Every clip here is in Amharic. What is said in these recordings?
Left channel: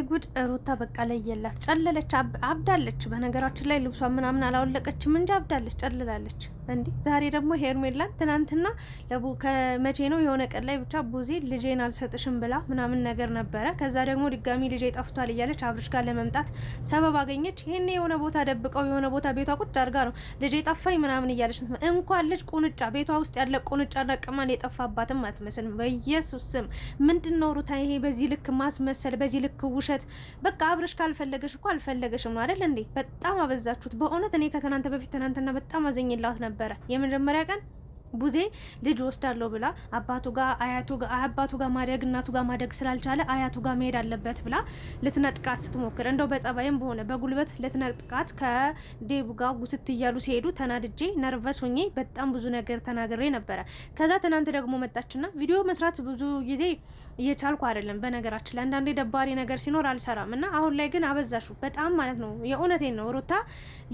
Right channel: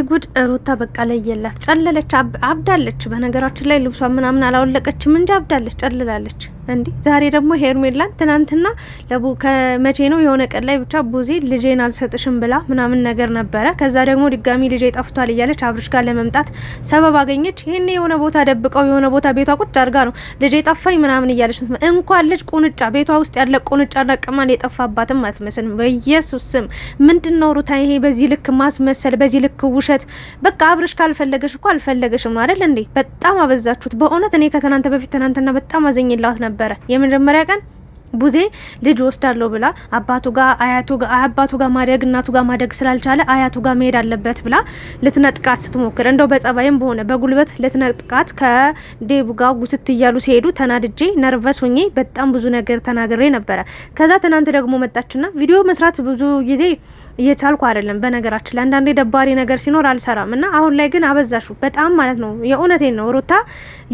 ወይ ጉድ! ሩታ በቃ ለየላት፣ ጨለለች፣ አብዳለች። በነገራችን ላይ ልብሷ ምናምን አላወለቀችም እንጂ አብዳለች፣ ጨልላለች። እንዴ ዛሬ ደግሞ ሄርሜላን ትናንትና ከመቼ ነው የሆነ ቀን ላይ ብቻ ቡዜ ልጄን አልሰጥሽም ብላ ምናምን ነገር ነበረ። ከዛ ደግሞ ድጋሚ ልጄ ጠፍቷል እያለች አብርሽ ጋር ለመምጣት ሰበብ አገኘች። ይሄኔ የሆነ ቦታ ደብቀው የሆነ ቦታ ቤቷ ቁጭ አድርጋ ነው ልጄ ጠፋኝ ምናምን እያለች እንኳን ልጅ ቁንጫ ቤቷ ውስጥ ያለ ቁንጫ ረቅማን የጠፋባትም አትመስልም። በኢየሱስ ስም ምንድነው ሩታ ይሄ በዚህ ልክ ማስመሰል፣ በዚህ ልክ ውሸት። በቃ አብርሽ ካልፈለገሽ እኮ አልፈለገሽም ነው አይደል እንዴ? በጣም አበዛችሁት በእውነት። እኔ ከትናንት በፊት ትናንትና በጣም አዘኝላት ነበር። የመጀመሪያ ቀን ቡዜ ልጅ ወስዳለሁ ብላ አባቱ ጋር ማደግ እናቱ ጋር ማደግ ስላልቻለ አያቱ ጋር መሄድ አለበት ብላ ልትነጥቃት ስትሞክር እንደው በጸባይም በሆነ በጉልበት ልትነጥቃት ከዴቡ ጋር ጉትት እያሉ ሲሄዱ ተናድጄ ነርቨስ ሆኜ በጣም ብዙ ነገር ተናግሬ ነበረ። ከዛ ትናንት ደግሞ መጣችና ቪዲዮ መስራት ብዙ ጊዜ እየቻልኩ አይደለም። በነገራችን ላይ አንዳንዴ ደባሪ ነገር ሲኖር አልሰራም እና አሁን ላይ ግን አበዛሹ በጣም ማለት ነው። የእውነቴን ነው ሩታ፣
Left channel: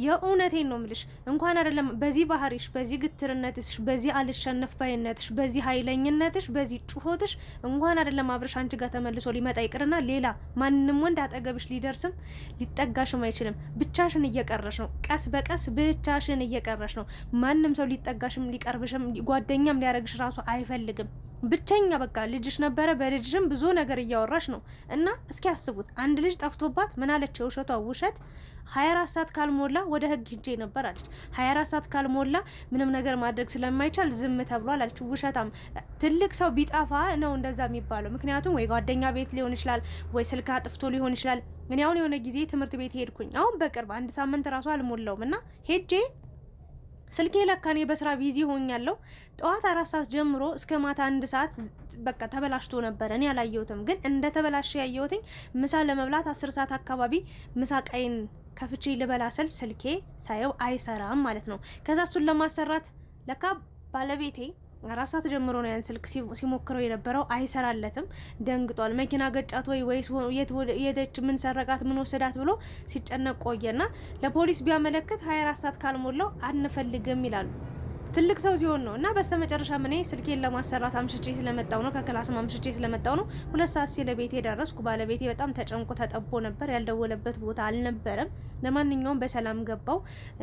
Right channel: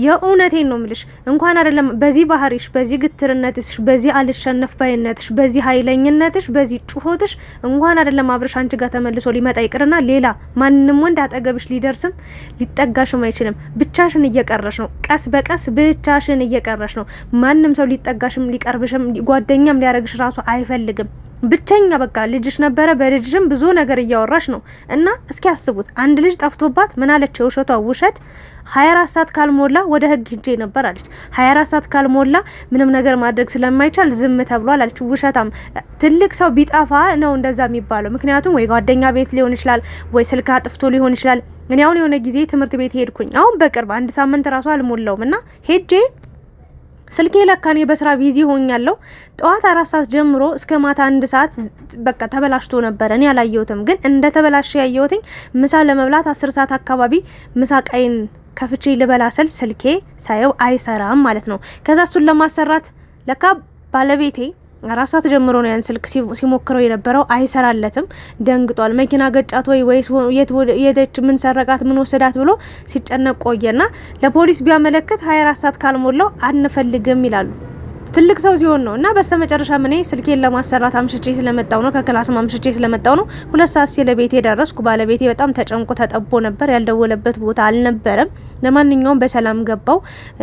የእውነቴን ነው ምልሽ። እንኳን አይደለም በዚህ ባህሪሽ፣ በዚህ ግትርነትሽ፣ በዚህ አልሸነፍ ባይነትሽ፣ በዚህ ኃይለኝነትሽ፣ በዚህ ጩኸትሽ እንኳን አይደለም አብርሽ አንቺ ጋር ተመልሶ ሊመጣ ይቅርና ሌላ ማንንም ወንድ አጠገብሽ ሊደርስም ሊጠጋሽም አይችልም። ብቻሽን እየቀረሽ ነው። ቀስ በቀስ ብቻሽን እየቀረሽ ነው። ማንም ሰው ሊጠጋሽም ሊቀርብሽም ጓደኛም ሊያረግሽ ራሱ አይፈልግም። ብቸኛ በቃ ልጅሽ ነበረ። በልጅሽም ብዙ ነገር እያወራሽ ነው። እና እስኪ አስቡት፣ አንድ ልጅ ጠፍቶባት ምን አለች? የውሸቷ ውሸት 24 ሰዓት ካልሞላ ወደ ህግ ሂጄ ነበር አለች። 24 ሰዓት ካልሞላ ምንም ነገር ማድረግ ስለማይቻል ዝም ተብሏል አለች። ውሸታም። ትልቅ ሰው ቢጠፋ ነው እንደዛ የሚባለው። ምክንያቱም ወይ ጓደኛ ቤት ሊሆን ይችላል፣ ወይ ስልክ አጥፍቶ ሊሆን ይችላል። እኔ አሁን የሆነ ጊዜ ትምህርት ቤት ሄድኩኝ። አሁን በቅርብ አንድ ሳምንት ራሱ አልሞላውም እና ሄጄ ስልኬ ለካኔ በስራ ቢዚ ሆኛለሁ። ጠዋት 4 ሰዓት ጀምሮ እስከ ማታ 1 ሰዓት በቃ ተበላሽቶ ነበር። እኔ አላየሁትም፣ ግን እንደ ተበላሽ ያየሁትኝ ምሳ ለመብላት 10 ሰዓት አካባቢ ምሳ ቃይን ከፍቼ ልበላ ስል ስልኬ ሳየው አይሰራም ማለት ነው። ከዛ እሱን ለማሰራት ለካ ባለቤቴ 4 ሰዓት ጀምሮ ነው ያን ስልክ ሲሞክረው የነበረው። አይሰራለትም። ደንግጧል። መኪና ገጫት ወይስ የት ምን ሰረቃት ምን ወሰዳት ብሎ ሲጨነቅ ቆየና ለፖሊስ ቢያመለክት 24 ሰዓት ካልሞላው አንፈልግም ይላሉ። ትልቅ ሰው ሲሆን ነው። እና በስተመጨረሻ እኔ ስልኬን ለማሰራት አምሽቼ ስለመጣው ነው፣ ከክላስ አምሽቼ ስለመጣው ነው 2 ሰዓት ሲለ ቤቴ ደረስኩ። ባለቤቴ በጣም ተጨንቆ ተጠቦ ነበር። ያልደወለበት ቦታ አልነበረም። ለማንኛውም በሰላም ገባው።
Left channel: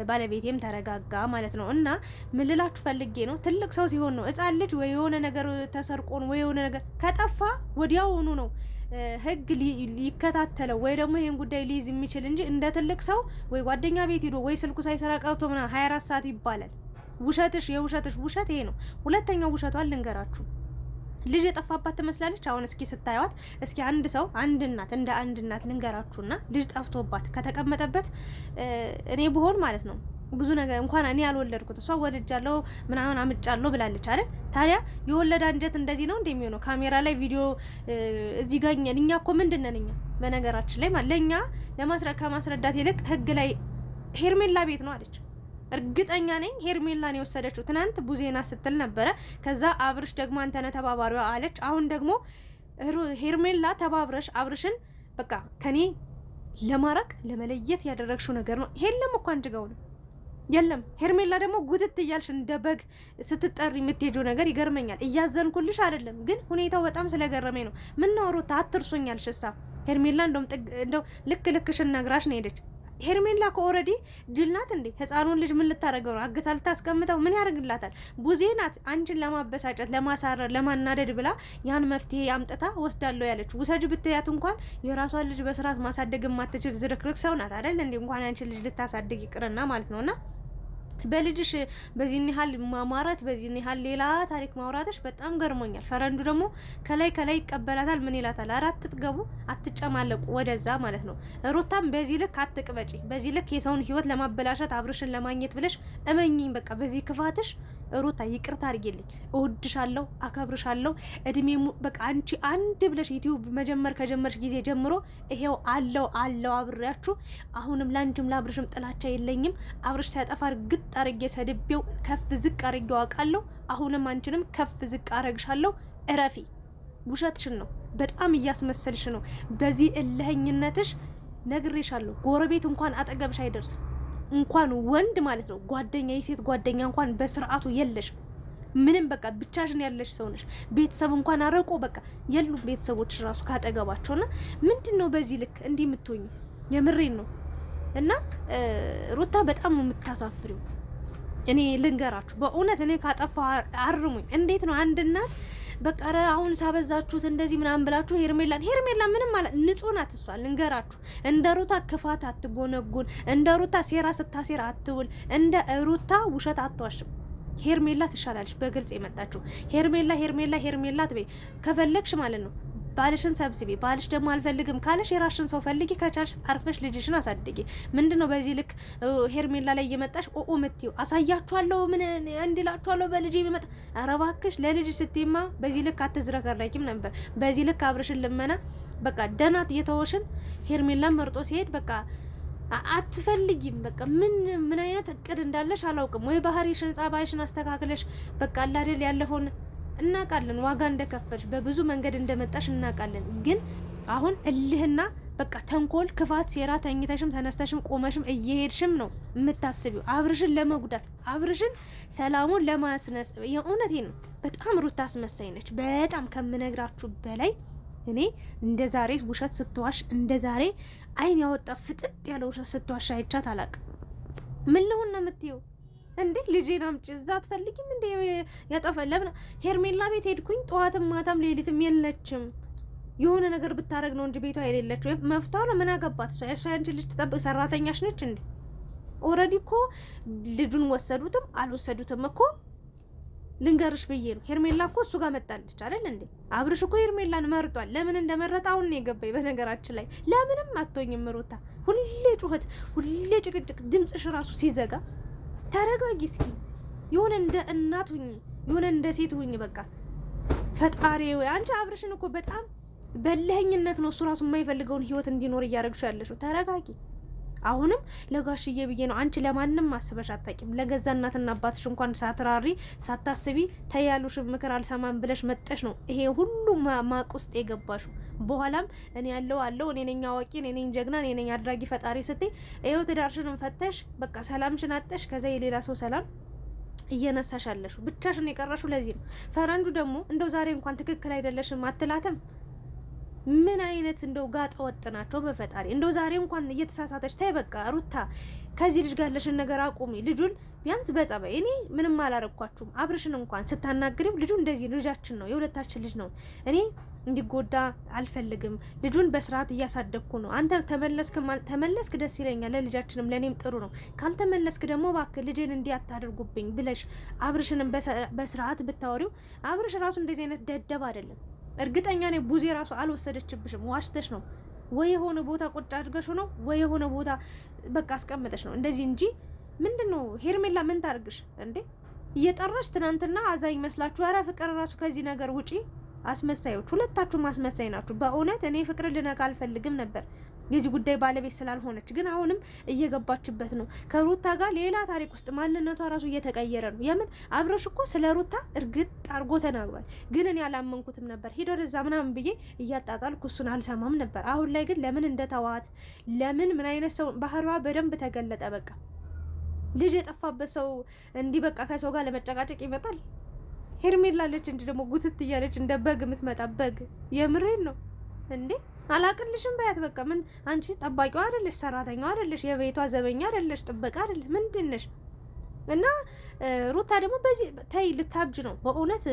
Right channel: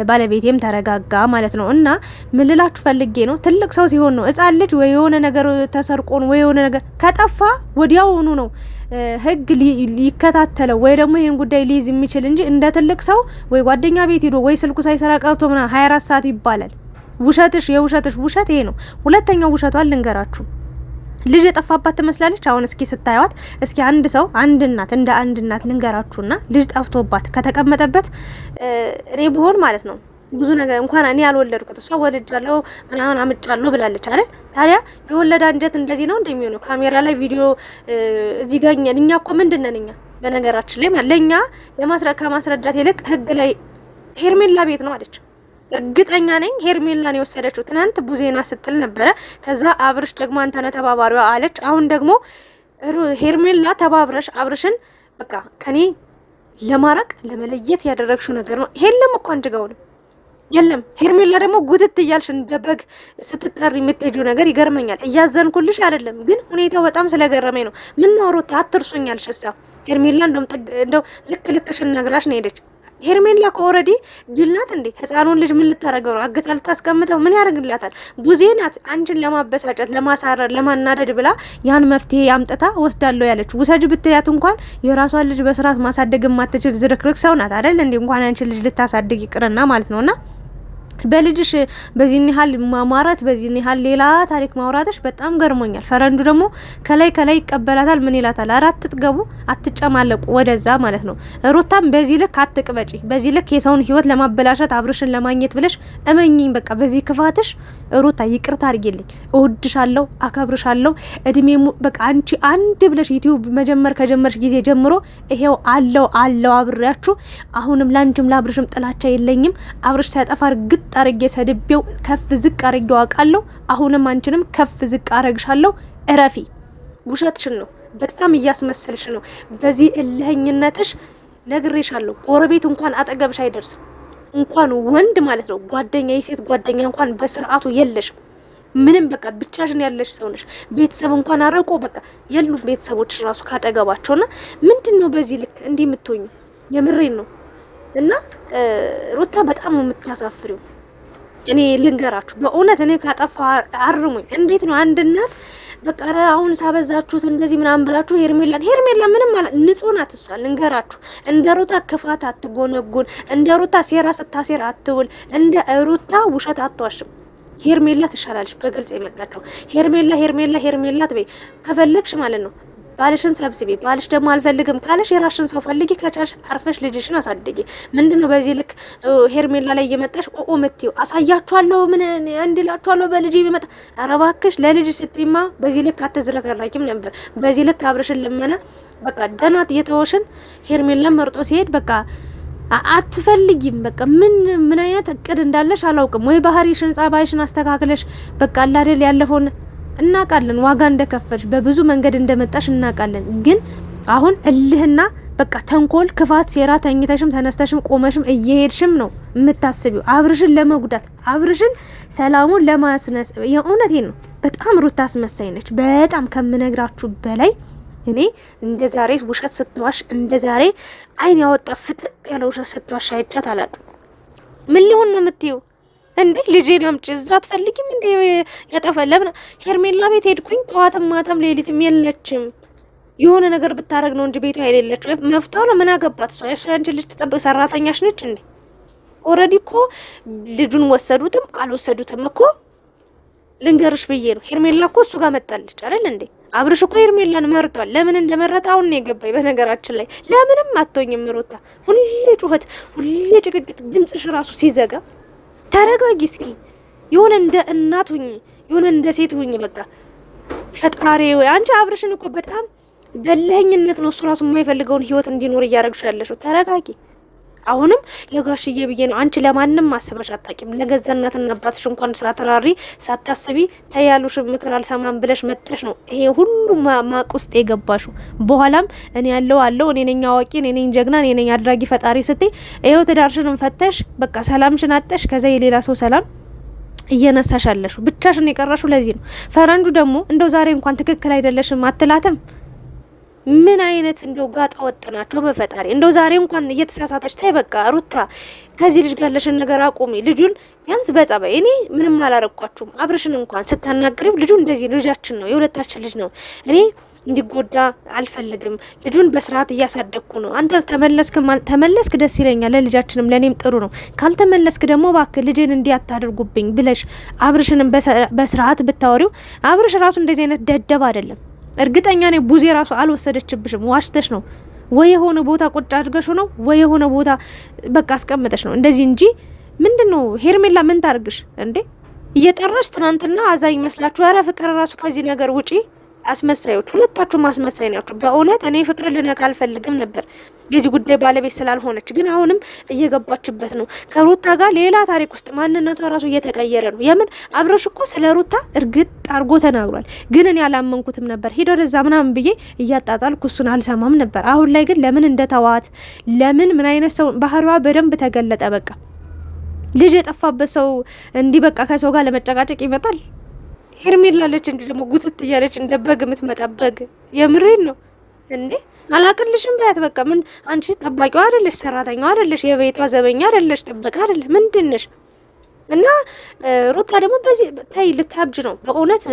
ባለቤቴም ተረጋጋ ማለት ነው። እና ምን ልላችሁ ፈልጌ ነው፣ ትልቅ ሰው ሲሆን ነው። ሕፃን ልጅ ወይ የሆነ ነገር ተሰርቆ ነው ወይ የሆነ ነገር ከጠፋ ወዲያውኑ ነው ህግ ሊከታተለው ወይ ደግሞ ይሄን ጉዳይ ሊይዝ የሚችል እንጂ እንደ ትልቅ ሰው ወይ ጓደኛ ቤት ሄዶ ወይ ስልኩ ሳይሰራ ቀርቶ ምናምን 24 ሰዓት ይባላል። ውሸትሽ የውሸትሽ ውሸት ይሄ ነው። ሁለተኛው ውሸቷን ልንገራችሁ። ልጅ የጠፋባት ትመስላለች። አሁን እስኪ ስታዩት እስኪ አንድ ሰው አንድ እናት እንደ አንድ እናት ልንገራችሁና ልጅ ጠፍቶባት ከተቀመጠበት እኔ ብሆን ማለት ነው ብዙ ነገር እንኳን እኔ ያልወለድኩት እሷ ወልጃለሁ ምናምን አምጫለሁ ብላለች አይደል? ታዲያ የወለደ አንጀት እንደዚህ ነው እንደሚሆነው? ካሜራ ላይ ቪዲዮ እዚህ ጋር እኛ እኮ ምንድነን እኛ በነገራችን ላይ ለኛ ከማስረዳት ይልቅ ህግ ላይ ሄርሜላ ቤት ነው አለች። እርግጠኛ ነኝ ሄርሜላን የወሰደችው ትናንት ቡዜና ስትል ነበረ። ከዛ አብርሽ ደግሞ አንተነ ተባባሪዋ አለች። አሁን ደግሞ ሄርሜላ ተባብረሽ አብርሽን በቃ ከኔ ለማራቅ ለመለየት ያደረግሽው ነገር ነው። የለም እኮ አንቺ ጋር የለም። ሄርሜላ ደግሞ ጉትት እያልሽ እንደ በግ ስትጠሪ የምትሄጂው ነገር ይገርመኛል። እያዘንኩልሽ አይደለም፣ ግን ሁኔታው በጣም ስለገረመኝ ነው። ምን ነው ሩታ አትርሱኛልሽ። እሷ ሄርሜላ እንደው ልክሽን ነግራሽ ነው ሄደች። ሄርሜላ ኦልሬዲ ጅል ናት እንዴ? ህፃኑን ልጅ ምን ልታረገው ነው? አግታ ልታስቀምጠው ምን ያደርግላታል? ቡዜ ናት አንቺን ለማበሳጨት፣ ለማሳረር፣ ለማናደድ ብላ ያን መፍትሄ አምጥታ ወስዳለሁ ያለች። ውሰጅ ብትያት እንኳን የራሷን ልጅ በስርዓት ማሳደግ የማትችል ዝርክርክ ሰው ናት አይደል እንዴ? እንኳን አንቺን ልጅ ልታሳድግ ይቅርና ማለት ነውና በልጅሽ በዚህን ያህል ማማራት በዚህን ያህል ሌላ ታሪክ ማውራትሽ በጣም ገርሞኛል። ፈረንዱ ደግሞ ከላይ ይቀበላታል። ምን ይላታል? አራት ትጥገቡ አትጨማለቁ ወደዛ ማለት ነው። ሩታም በዚህ ልክ አትቅበጪ። በዚህ ልክ የሰውን ህይወት ለማበላሸት አብርሽን ለማግኘት ብለሽ እመኚኝ። በቃ በዚህ ክፋትሽ ሩታ ይቅርታ አድርጊልኝ። እወድሻለሁ፣ አከብርሻለሁ። እድሜ በቃ አንቺ አንድ ብለሽ ዩቲዩብ መጀመር ከጀመርሽ ጊዜ ጀምሮ ይሄው አለው አብሬያችሁ። አሁንም ላንቺም ለአብርሽም ጥላቻ የለኝም። አብርሽ ሲያጠፋ ግጥ አርጌ ሰድቤው ከፍ ዝቅ አርጌው አውቃለሁ። አሁንም አንቺንም ከፍ ዝቅ አረግሻለሁ። እረፊ። ውሸትሽን ነው፣ በጣም እያስመሰልሽ ነው። በዚህ እልህኝነትሽ ነግሬሻለሁ። ጎረቤት እንኳን አጠገብሽ አይደርስም። እንኳን ወንድ ማለት ነው ጓደኛ፣ የሴት ጓደኛ እንኳን በስርዓቱ የለሽም። ምንም በቃ ብቻሽን ያለሽ ሰው ነሽ። ቤተሰብ እንኳን አረቆ በቃ የሉም ቤተሰቦች ራሱ ካጠገባቸውና ምንድነው በዚህ ልክ እንዲህ የምትሆኙ? የምሬን ነው። እና ሩታ በጣም ነው የምታሳፍሪው። እኔ ልንገራችሁ በእውነት እኔ ካጠፋ አርሙኝ። እንዴት ነው አንድ እናት በቃ አሁን ሳበዛችሁት እንደዚህ ምናምን ብላችሁ ሄርሜላ ምንም ማለት ንጹህ ናት እሷ። ልንገራችሁ እንደ ሩታ ክፋት አትጎነጉን፣ እንደ ሩታ ሴራ ስታሴር አትውል፣ እንደ ሩታ ውሸት አትዋሽም። ሄርሜላ ትሻላለች። በግልጽ የመጣችሁ ሄርሜላ ትበይ ከፈለግሽ ማለት ነው። ባልሽን ሰብስቢ። ባልሽ ደግሞ አልፈልግም ካለሽ የራሽን ሰው ፈልጊ። ከቻልሽ አርፈሽ ልጅሽን አሳድጊ። ምንድነው በዚህ ልክ ሄርሜላ ላይ እየመጣሽ ምትዩ? አሳያችኋለሁ ምን እንድላችኋለሁ በልጅ የሚመጣ ኧረ እባክሽ ለልጅ ስትይማ በዚህ ልክ አትዝረከራኪም ነበር። በዚህ ልክ አብርሽን ልመና በቃ ደናት እየተወሽን ሄርሜላን መርጦ ሲሄድ በቃ አትፈልጊም። በቃ ምን አይነት እቅድ እንዳለሽ አላውቅም። ወይ ባህሪሽን ጸባይሽን አስተካክለሽ በቃ አላደል ያለፈውን እናቃለን። ዋጋ እንደከፈልሽ በብዙ መንገድ እንደመጣሽ እናቃለን። ግን አሁን እልህና በቃ ተንኮል፣ ክፋት፣ ሴራ ተኝተሽም ተነስተሽም ቆመሽም እየሄድሽም ነው የምታስቢው አብርሽን ለመጉዳት አብርሽን ሰላሙን ለማስነስ። የእውነቴን ነው። በጣም ሩታ አስመሳይ ነች። በጣም ከምነግራችሁ በላይ እኔ እንደ ዛሬ ውሸት ስትዋሽ እንደ ዛሬ አይን ያወጣ ፍጥጥ ያለ ውሸት ስትዋሽ አይቻት አላውቅም። ምን ሊሆን ነው የምትይው እንዴ? ልጄን አምጪ እዛ አትፈልጊም እንዴ? ያጠፈለብና ሄርሜላ ቤት ሄድኩኝ ጠዋትም ማታም ሌሊትም የለችም። የሆነ ነገር ብታረግ ነው እንጂ ቤቷ የሌለች መፍታው ነው። ምን አገባት እሷ? አንቺ ልጅ ተጠብቅ ሰራተኛሽ ነች እንዴ? ኦልሬዲ እኮ ልጁን ወሰዱትም አልወሰዱትም እኮ ልንገርሽ ብዬ ነው። ሄርሜላ እኮ እሱ ጋር መጣለች አይደል እንዴ? አብርሽ እኮ ሄርሜላን መርጧል። ለምን እንደመረጠ አሁን ነው የገባኝ። በነገራችን ላይ ለምንም አትሆኝም ሩታ። ሁሌ ጩኸት፣ ሁሌ ጭቅጭቅ፣ ድምጽሽ ራሱ ሲዘጋ ተረጋጊ እስኪ። የሆነ እንደ እናት ሁኚ፣ የሆነ እንደ ሴት ሁኚ። በቃ ፈጣሪ ወይ አንቺ አብርሽን እኮ በጣም በለህኝነት ነው እሱ ራሱ የማይፈልገውን ህይወት እንዲኖር እያደረግሽ ያለሽው። ተረጋጊ። አሁንም ለጋሽዬ ብዬ ነው። አንቺ ለማንም ማስበሽ አታቂም። ለገዛ እናትና አባትሽ እንኳን ሳትራሪ ሳታስቢ ተያሉሽ ምክር አልሰማም ብለሽ መጠሽ ነው ይሄ ሁሉ ማቅ ውስጥ የገባሹ። በኋላም እኔ አለው እኔ ነኝ አዋቂ፣ እኔ ነኝ ጀግና፣ እኔ ነኝ አድራጊ ፈጣሪ ስትይ ይሄው ትዳርሽን ፈተሽ በቃ ሰላምሽን አጠሽ። ከዛ የሌላ ሰው ሰላም እየነሳሽ አለሹ። ብቻሽን የቀረሹ ለዚህ ነው። ፈረንጁ ደግሞ እንደው ዛሬ እንኳን ትክክል አይደለሽም አትላትም። ምን አይነት እንደው ጋጣ ወጥናቸው በፈጣሪ። እንደው ዛሬ እንኳን እየተሳሳተች ታይ በቃ ሩታ ከዚህ ልጅ ጋር ያለሽን ነገር አቁሚ። ልጁን ቢያንስ በጸባይ እኔ ምንም አላረኳችሁም። አብርሽን እንኳን ስታናግሪው ልጁ እንደዚህ ልጃችን ነው፣ የሁለታችን ልጅ ነው። እኔ እንዲጎዳ አልፈልግም። ልጁን በስርዓት እያሳደግኩ ነው። አንተ ተመለስክ ደስ ይለኛል፣ ለልጃችንም ለኔም ጥሩ ነው። ካልተመለስክ ደግሞ እባክህ ልጄን እንዲያታደርጉብኝ ብለሽ አብርሽንም በስርዓት ብታወሪው። አብርሽ ራሱ እንደዚህ አይነት ደደብ አይደለም። እርግጠኛ ነኝ ቡዜ ራሱ አልወሰደችብሽም። ዋሽተሽ ነው ወይ የሆነ ቦታ ቁጭ አድርገሽ ነው ወይ የሆነ ቦታ በቃ አስቀምጠሽ ነው እንደዚህ እንጂ ምንድነው ሄርሜላ ምን ታርግሽ እንዴ? እየጠራሽ ትናንትና አዛኝ መስላችሁ። ኧረ ፍቅር ራሱ ከዚህ ነገር ውጪ። አስመሳዮች ሁለታችሁም አስመሳይ ናችሁ። በእውነት እኔ ፍቅር ልነካ አልፈልግም ነበር የዚህ ጉዳይ ባለቤት ስላልሆነች፣ ግን አሁንም እየገባችበት ነው። ከሩታ ጋር ሌላ ታሪክ ውስጥ ማንነቷ ራሱ እየተቀየረ ነው። የምን አብረሽ እኮ ስለ ሩታ እርግጥ አርጎ ተናግሯል፣ ግን እኔ አላመንኩትም ነበር። ሂዶ ወደዛ ምናምን ብዬ እያጣጣልኩ እሱን አልሰማም ነበር። አሁን ላይ ግን ለምን እንደተዋት ለምን ምን አይነት ሰው ባህሪዋ በደንብ ተገለጠ። በቃ ልጅ የጠፋበት ሰው እንዲህ በቃ ከሰው ጋር ለመጨቃጨቅ ይመጣል። ሄርሜላ አለች እንዲ ደግሞ ጉትት እያለች እንደ በግ የምትመጣ በግ። የምሬን ነው እንዴ? አላቅልሽም በያት በቃ። ምን አንቺ ጠባቂዋ አይደለሽ፣ ሰራተኛዋ አይደለሽ፣ የቤቷ ዘበኛ አይደለሽ፣ ጥበቃ አይደለሽ፣ ምንድነሽ? እና ሩታ ደግሞ በዚህ ታይ ልታብጅ ነው በእውነት።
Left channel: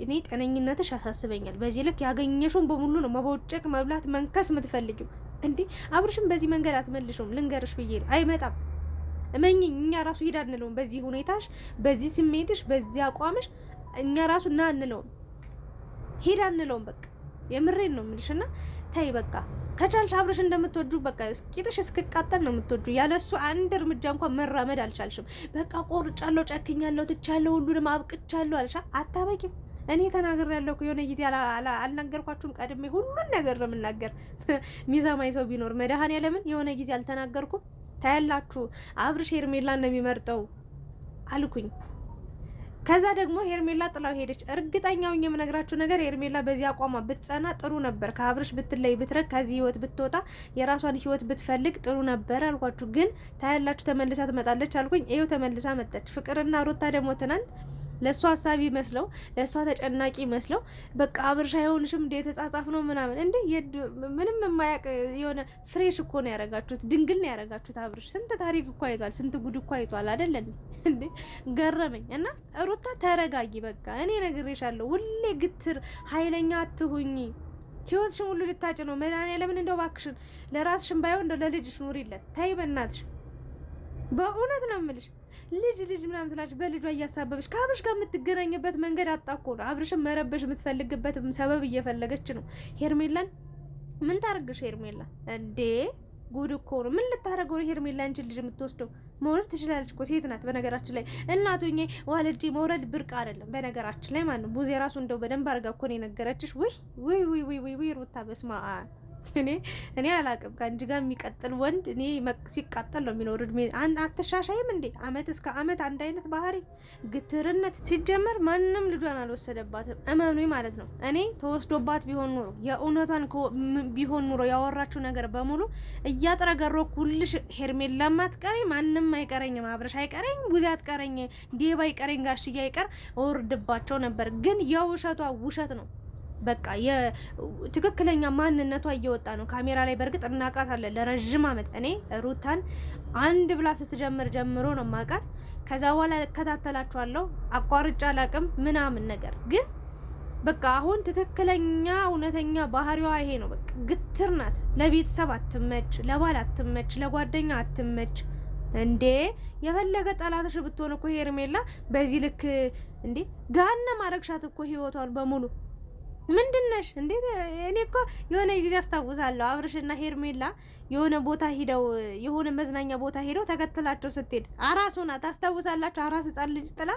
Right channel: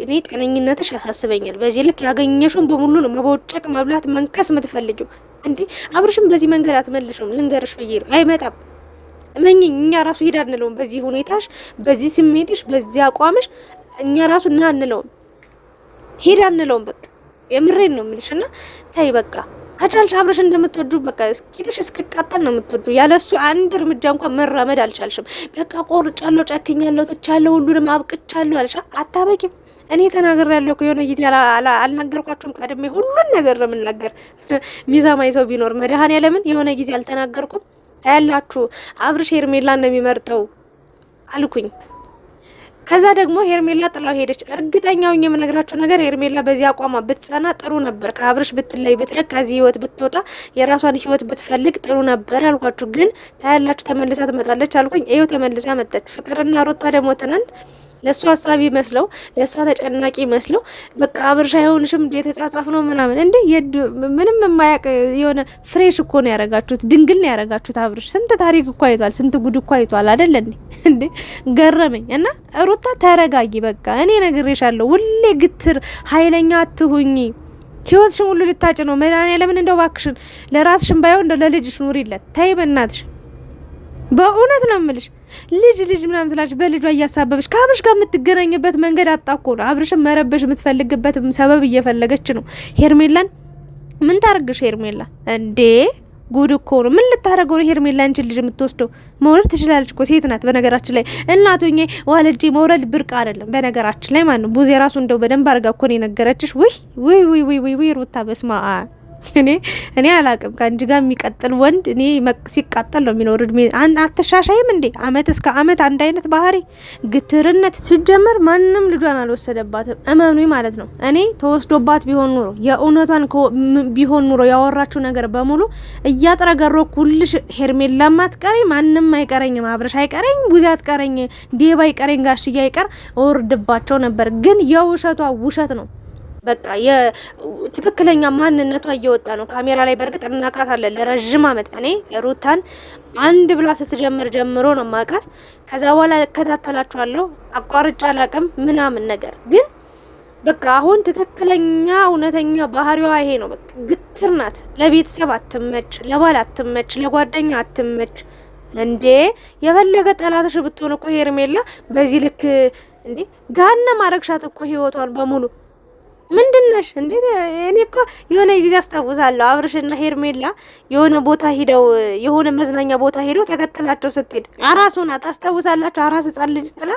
እኔ ጤነኝነትሽ ያሳስበኛል። በዚህ ልክ ያገኘሽውን በሙሉ ነው መቦጨቅ፣ መብላት፣ መንከስ የምትፈልጊው እንዴ? አብርሽም በዚህ መንገድ አትመልሽም። ልንገርሽ ብዬ ነው አይመጣም። እመኝኝ። እኛ ራሱ ሄዳ አንለውም በዚህ ሁኔታሽ፣ በዚህ ስሜትሽ፣ በዚህ አቋምሽ እኛ ራሱ እና አንለውም ሄዳ አንለውም። በቃ የምሬን ነው የምልሽ። እና ታይ በቃ ከቻልሽ አብረሽ እንደምትወዱ በቃ እስኪጥሽ እስክቃጠል ነው የምትወዱ። ያለሱ አንድ እርምጃ እንኳን መራመድ አልቻልሽም። በቃ ቆርጫለሁ፣ ጨክኛለሁ፣ ትቻለሁ፣ ሁሉንም አብቅቻለሁ አለሽ። አታበቂም። እኔ ተናግሬያለሁ እኮ የሆነ ጊዜ አልናገርኳችሁም? ቀድሜ ሁሉን ነገር ነው የምናገር። ሚዛማዊ ሰው ቢኖር መድኃኔዓለምን የሆነ ጊዜ አልተናገርኩም? ታያላችሁ አብርሽ ሄርሜላን ነው የሚመርጠው አልኩኝ። ከዛ ደግሞ ሄርሜላ ጥላው ሄደች። እርግጠኛው የምነግራችሁ ነገር ሄርሜላ በዚህ አቋማ ብትጸና ጥሩ ነበር። ከአብርሽ ብትለይ ብትረክ፣ ከዚህ ህይወት ብትወጣ፣ የራሷን ህይወት ብትፈልግ ጥሩ ነበር አልኳችሁ። ግን ታያላችሁ ተመልሳ ትመጣለች አልኩኝ። ይኸው ተመልሳ መጣች። ፍቅርና ሩታ ደግሞ ትናንት ለእሷ ሀሳቢ መስለው ለእሷ ተጨናቂ መስለው በቃ አብርሽ አይሆንሽም እንዴ የተጻጻፍ ነው ምናምን እንዴ ምንም የማያውቅ የሆነ ፍሬሽ እኮ ነው ያረጋችሁት፣ ድንግል ነው ያረጋችሁት። አብርሽ ስንት ታሪክ እኮ አይቷል፣ ስንት ጉድ እኮ አይቷል አይደል እንዴ? ገረመኝ። እና ሩታ ተረጋጊ በቃ እኔ ነግሬሻለሁ፣ ሁሌ ግትር ኃይለኛ አትሁኝ። ህይወትሽን ሁሉ ልታጭ ነው መድኃኒዓለምን። እንደው እባክሽን ለራስሽን ባይሆን እንደው ለልጅሽ ኑሪለት። ተይ በእናትሽ በእውነት ነው የምልሽ። ልጅ ምናምን ትላለች በልጇ እያሳበበች ከአብርሽ ጋር የምትገናኝበት መንገድ አጣኮ ነው። አብርሽን መረበሽ የምትፈልግበት ሰበብ እየፈለገች ነው። ሄርሜላን ምን ታርግሽ? ሄርሜላ እንዴ ጉድ እኮ ነው። ምን ልታረገው ነው ሄርሜላ? አንቺን ልጅ የምትወስደው መውለድ ትችላለች እኮ ሴት ናት። በነገራችን ላይ እናቶኜ ዋልጄ መውለድ ብርቅ አይደለም። በነገራችን ላይ ማን ነው ቡዜ ራሱ እንደው በደንብ አርጋ እኮ ነው የነገረችሽ። ውይ ሩታ በስማ እኔ አላቅም። ከአንቺ ጋር የሚቀጥል ወንድ እኔ ሲቃጠል ነው የሚኖር። እድሜ አትሻሻይም እንዴ? አመት እስከ አመት አንድ አይነት ባህሪ፣ ግትርነት። ሲጀመር ማንም ልጇን አልወሰደባትም፣ እመኑ ማለት ነው። እኔ ተወስዶባት ቢሆን ኑሮ የእውነቷን ቢሆን ኑሮ ያወራችው ነገር በሙሉ እያጥረገሮኩ ሁልሽ ሄርሜላም አትቀረኝ፣ ማንም አይቀረኝም፣ አብረሽ አይቀረኝ፣ ቡዜ አትቀረኝ፣ ዴባ አይቀረኝ፣ ጋሽዬ አይቀር እወርድባቸው ነበር። ግን የውሸቷ ውሸት ነው። በቃ የትክክለኛ ማንነቷ እየወጣ ነው ካሜራ ላይ። በእርግጥ እናቃታለን ለረጅም አመት። እኔ ሩታን አንድ ብላ ስትጀምር ጀምሮ ነው ማቃት። ከዛ በኋላ እከታተላችኋለሁ፣ አቋርጫ አላቅም ምናምን ነገር። ግን በቃ አሁን ትክክለኛ እውነተኛ ባህሪዋ ይሄ ነው። በቃ ግትር ናት። ለቤተሰብ አትመች፣ ለባል አትመች፣ ለጓደኛ አትመች። እንዴ የፈለገ ጠላትሽ ብትሆን እኮ ሄርሜላ በዚህ ልክ እንዴ ጋና ማረግሻት እኮ ህይወቷን በሙሉ ምንድነሽ እንዴ? እኔ እኮ የሆነ ጊዜ አስታውሳለሁ አብርሽና ሄርሜላ የሆነ ቦታ ሄደው የሆነ መዝናኛ ቦታ ሄደው ተከተላቸው ስትሄድ አራሱ ናት። አስታውሳላችሁ? አራስ ህጻን ልጅ ጥላ።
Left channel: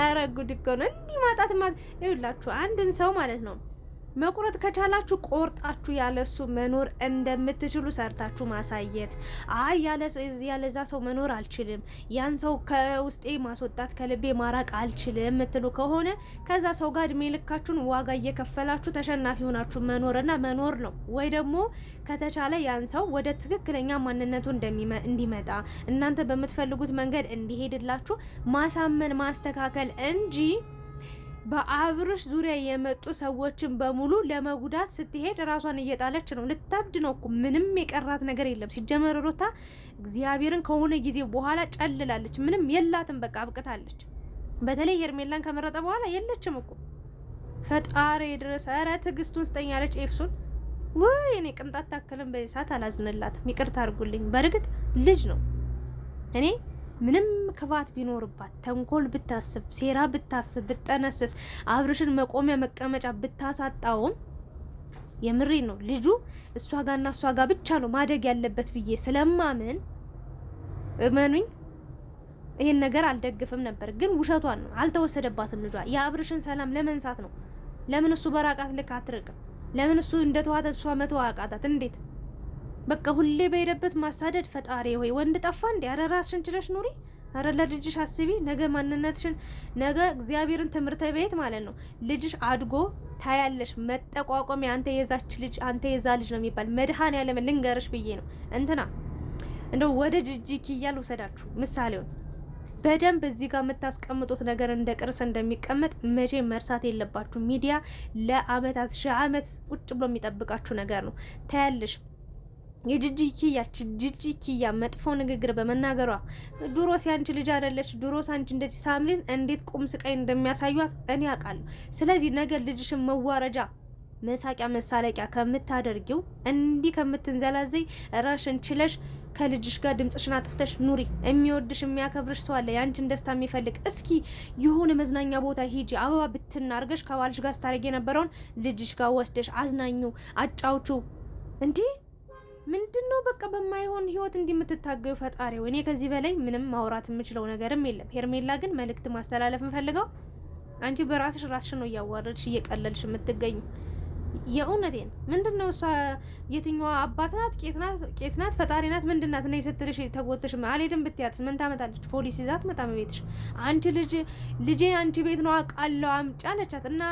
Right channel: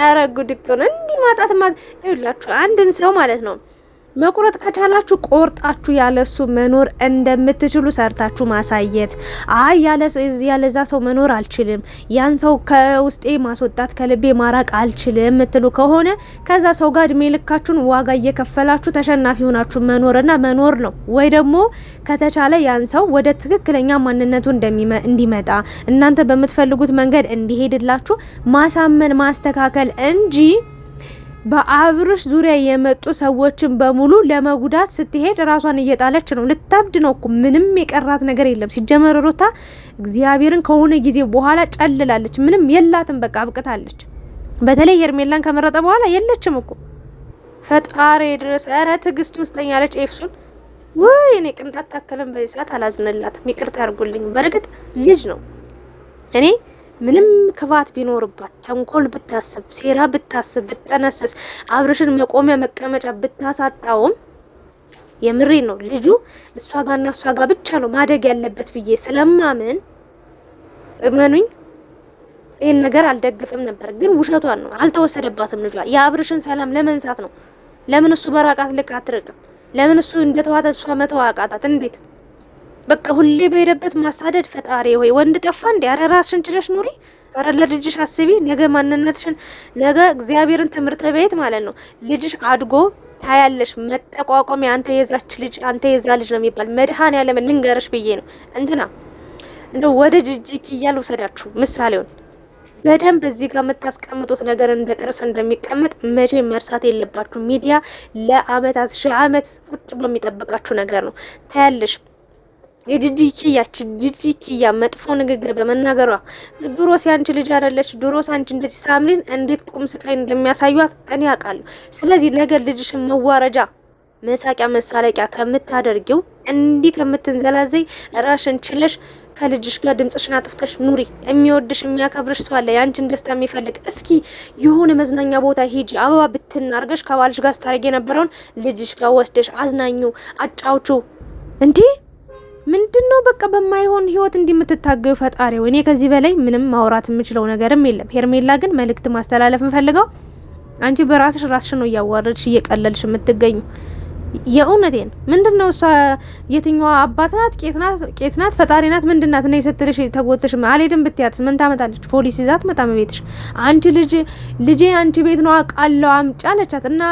ኧረ ጉድ እኮ ነው እንዲህ ማጣት ይኸውላችሁ አንድን ሰው ማለት ነው መቁረጥ ከቻላችሁ ቆርጣችሁ ያለሱ መኖር እንደምትችሉ ሰርታችሁ ማሳየት። አይ ያለዛ ሰው መኖር አልችልም፣ ያን ሰው ከውስጤ ማስወጣት ከልቤ ማራቅ አልችልም የምትሉ ከሆነ ከዛ ሰው ጋር እድሜ ልካችሁን ዋጋ እየከፈላችሁ ተሸናፊ ሆናችሁ መኖርና መኖር ነው። ወይ ደግሞ ከተቻለ ያን ሰው ወደ ትክክለኛ ማንነቱ እንዲመጣ እናንተ በምትፈልጉት መንገድ እንዲሄድላችሁ ማሳመን ማስተካከል እንጂ በአብርሽ ዙሪያ የመጡ ሰዎችን በሙሉ ለመጉዳት ስትሄድ ራሷን እየጣለች ነው። ልታብድ ነው እኮ ምንም የቀራት ነገር የለም። ሲጀመር ሩታ እግዚአብሔርን ከሆነ ጊዜ በኋላ ጨልላለች። ምንም የላትም፣ በቃ አብቅታለች። በተለይ ሄርሜላን ከመረጠ በኋላ የለችም እኮ ፈጣሪ ድረስ። ኧረ ትዕግስቱን ስጠኝ ያለች ኤፍሱን ወይ እኔ ቅንጣት ታከለም በዚህ ሰዓት አላዝንላትም። ይቅርታ አድርጉልኝ። በእርግጥ ልጅ ነው። እኔ ምንም ክፋት ቢኖርባት ተንኮል ብታስብ ሴራ ብታስብ ብጠነስስ አብርሽን መቆሚያ መቀመጫ ብታሳጣውም የምሬ ነው ልጁ እሷ ጋርና እሷ ጋር ብቻ ነው ማደግ ያለበት ብዬ ስለማምን እመኑኝ ይሄን ነገር አልደግፍም ነበር። ግን ውሸቷን ነው፣ አልተወሰደባትም። ልጇ የአብርሽን ሰላም ለመንሳት ነው። ለምን እሱ በራቃት ልክ አትርቅም? ለምን እሱ እንደተዋተ እሷ መተው አቃታት? እንዴት በቃ ሁሌ በሄደበት ማሳደድ። ፈጣሪ ሆይ ወንድ ጠፋ እንዴ? ኧረ ራስሽን ችለሽ ኑሪ። ኧረ ለልጅሽ አስቢ። ነገ ማንነትሽን ነገ እግዚአብሔርን ትምህርት ቤት ማለት ነው ልጅሽ አድጎ ታያለሽ። መጠቋቋሚ አንተ የዛች ልጅ አንተ የዛ ልጅ ነው የሚባል መድኃኔዓለም ልንገርሽ ብዬ ነው። እንትና እንደው ወደ ጅጅኪ እያል ውሰዳችሁ ምሳሌውን በደንብ እዚህ ጋር የምታስቀምጡት ነገር እንደ ቅርስ እንደሚቀመጥ መቼ መርሳት የለባችሁ። ሚዲያ ለአመታት ሺህ አመት ቁጭ ብሎ የሚጠብቃችሁ ነገር ነው። ታያለሽ የጂጂኪያ መጥፎ ንግግር በመናገሯ ድሮ ሲያንቺ ልጅ አይደለች ድሮ ሳንቺ እንደዚህ ሳምሪን እንዴት ቁም ስቃይ እንደሚያሳዩት እኔ አውቃለሁ። ስለዚህ ነገር ልጅሽን መዋረጃ መሳቂያ መሳለቂያ ከምታደርጊው እንዲህ ከምትንዘላዘይ ራሽን ችለሽ ከልጅሽ ጋር ድምጽሽን አጥፍተሽ ኑሪ። የሚወድሽ የሚያከብርሽ ሰው አለ፣ ያንቺን ደስታ የሚፈልግ። እስኪ የሆነ መዝናኛ ቦታ ሂጂ፣ አበባ ብትናርገሽ ከባልሽ ጋር ስታረጊ የነበረውን ልጅሽ ጋር ወስደሽ አዝናኙ፣ አጫውቹ። እንዲህ ምንድነው በቃ በማይሆን ህይወት እንዲምትታገዩ ፈጣሪ ወይ። እኔ ከዚህ በላይ ምንም ማውራት የምችለው ነገርም የለም። ሄርሜላ ግን መልእክት ማስተላለፍ እንፈልገው፣ አንቺ በራስሽ ራስሽ ነው እያዋረድሽ እየቀለልሽ የምትገኙ። የእውነቴን ምንድነው እሷ የትኛዋ አባት ናት? ቄስ ናት? ፈጣሪ ናት? ምንድናት? እኔ ስትልሽ ተጎተሽ አልሄድም ብትያትስ ምን ታመጣለች? ፖሊስ ይዛት መጣም ቤትሽ። አንቺ ልጄ አንቺ ቤት ነው አውቃለሁ አምጪ አለቻት። እና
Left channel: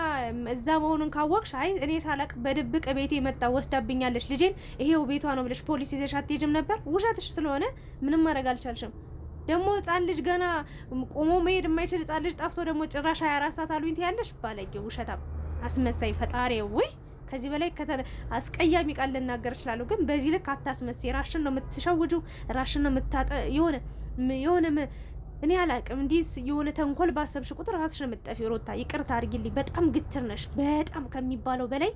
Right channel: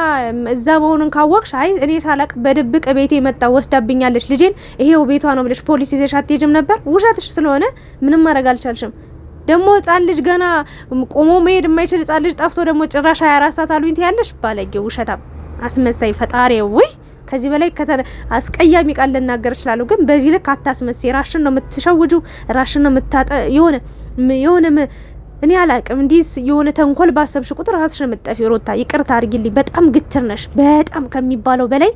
እዛ መሆኑን ካወቅሽ አይ እኔ ሳላቅ በድብቅ ቤቴ መጣ ወስዳብኛለች ልጄን ይሄው ቤቷ ነው ብለሽ ፖሊስ ይዘሽ አትሄጂም ነበር? ውሸትሽ ስለሆነ ምንም ማድረግ አልቻልሽም። ደግሞ ህጻን ልጅ ገና ቆሞ መሄድ የማይችል ህጻን ልጅ ጠፍቶ ደግሞ ጭራሽ 24 ሰዓት አሉኝ ትያለሽ። ባለጌ ውሸታም አስመሳይ ፈጣሪ ወይ ከዚህ በላይ አስቀያሚ ቃል ልናገር እችላለሁ፣ ግን በዚህ ልክ አታስመሳይ። ራሽን ነው የምትሸውጁ፣ ራሽን ነው የምታጠ የሆነ እኔ አላቅም። እንዲህ የሆነ ተንኮል ባሰብሽ ቁጥር ራስሽ ነው የምትጠፊ። ሩታ ይቅርታ አድርጊልኝ፣ በጣም ግትር ነሽ፣ በጣም ከሚባለው በላይ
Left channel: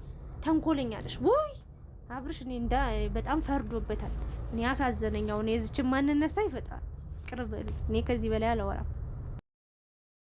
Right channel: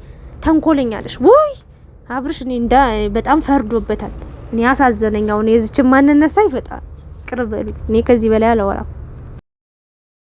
ተንኮለኛ ነሽ። ውይ አብርሽ እኔ በጣም ፈርዶበታል። እኔ አሳዘነኝ። አሁን የዚችን ማንነት ሳይ በጣም ቅርበሉ። እኔ ከዚህ በላይ አላወራም።